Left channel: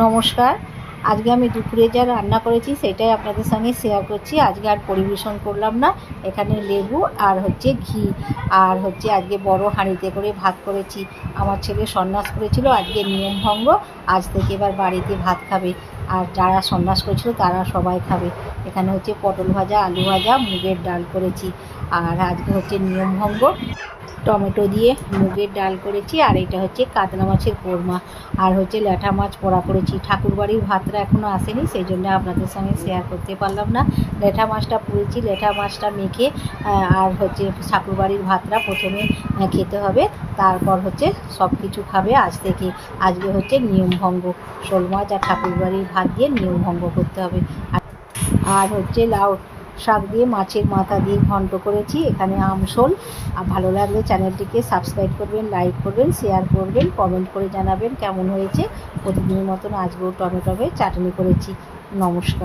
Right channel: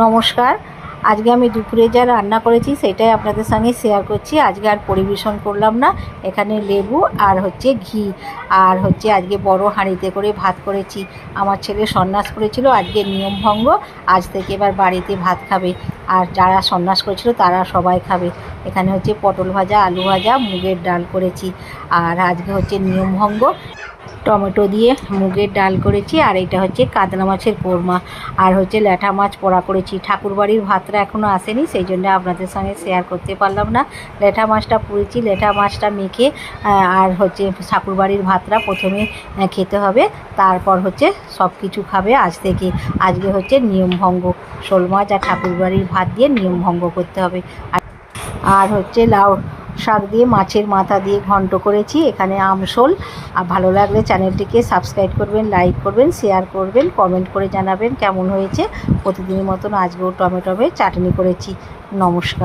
নমস্কার। আজকে আমি দুপুরে যা রান্না করেছি সেটাই আপনাদের সঙ্গে শেয়ার করছি। আজকে আর পরিবেশন করলাম না। এখানে লেবু আর ঘি আর আজকে বড় হাঁড়িতে করে ভাত করেছি। আমার ছেলে সন্ন্যাস করেছিল, আজকে নিয়ম ভঙ্গ। আজ থেকে এবার বাড়িতে ভাত খাবে, আর যারা সন্ন্যাস করেছিল তারা সবাই খাবে। এখানে পটল ভাজা, আলু ভাজা, মুগের ডাল করেছি। আর আজকে নিয়ম ভঙ্গ, টমেটো দিয়ে মুগের ডাল করেছি। আর এটা কাতলা মাছের কোরমা। আর ল্যাঠা মাছ পোড়া করেছি। ঠাকুরবাড়ির ভাতটা এখনও আসেনি, সেই জন্য আপনাদের সঙ্গে শেয়ার করতে পারলাম না। ল্যাঠা মাছটা পুড়েছি, ল্যাঠা মাছটা মেখে আর ঠাকুরবাড়ির ভাতটা প্রথমে খেতে হবে, তারপর সব কিছু খাবে আজ থেকে। আজকে নিয়মভঙ্গ, শোল মাছ আর ঠাকুরবাড়ির ভাত দিয়ে নিয়মভঙ্গ করতে হবে। আর লাউ শাক দিয়ে মাছের মাথা দিয়ে ঘন্ট করেছি। এখানে আমশোল। আর ভালো লাগলে চ্যানেলটিকে সাবস্ক্রাইব করবেন, লাইক করবেন, শেয়ার করবেন, কমেন্ট করে জানাবেন কেমন হয়েছে। প্রতিদিনের মতন আজকেও টমেটো চাটনি করেছি। নমস্কার।